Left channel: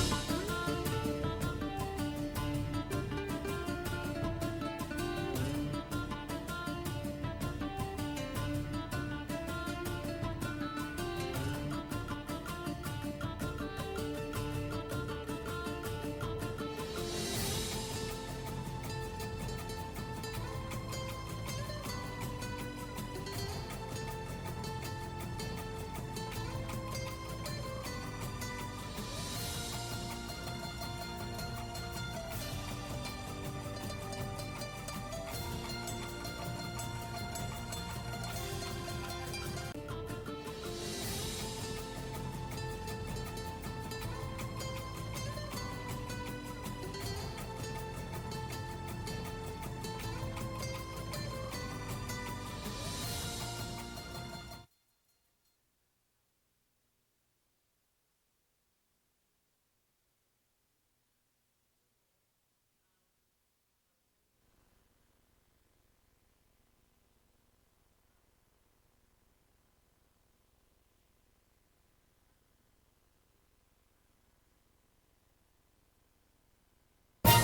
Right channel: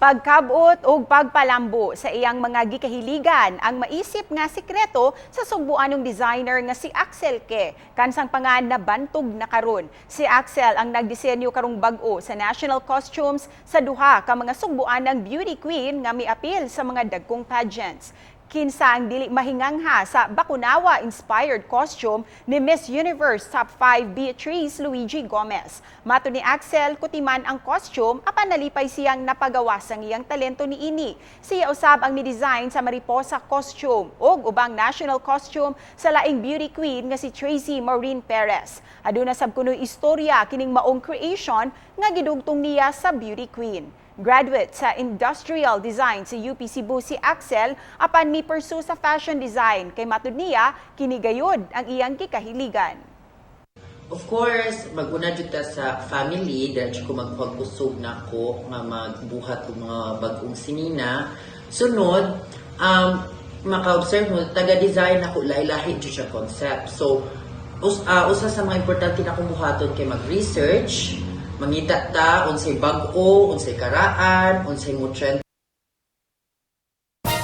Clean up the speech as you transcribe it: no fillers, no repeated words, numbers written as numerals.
Pagkabot o pagpalambo sa iyang mga gikahiligan ang maisip nga sikreto sa sugbuanong designer nga si Axel Ke. Kansang pangan na bantog na karon. Si Axel ang nagdisenyo karong bag-o sa national costumes sa duha ka mga sugbuanang beauty queen nga miapil sa mga dagkong pageants. Kinsa ang dili mahingangha sa Bakunawa-inspired costume ni Miss Universe Top 5 Beatrice Luigi Gomez. Mato ni Axel, kutiman ang costume apan nalipay siyang napagawas ang iyang talento ni ini. Siya usab ang ni-design sa Mariposa costume ug ubang national costume sa laing beauty queen nga si Tracy Maureen Perez. Aduna sab kunoy istorya kining maong creation nga gidugtong niya sa beauty queen. Graduate sa Industrial Design sa UP Cebu si Axel apan mi pursue sa fashion design kay matud niya kini gayud ang iyang gikahiligan. Of course, mag-una jud ta sa family, dahil ko magpagkusog na ako nga magbuhat og mga bagong sinina. Sunod, maka-observe mo, taga-design ako, lahi-lahi jud siya concept. So, usa sa mga importante na akong buhaton kay mag-research, mangita ta, unsay bag-o, unsay karaan, unsay mo trend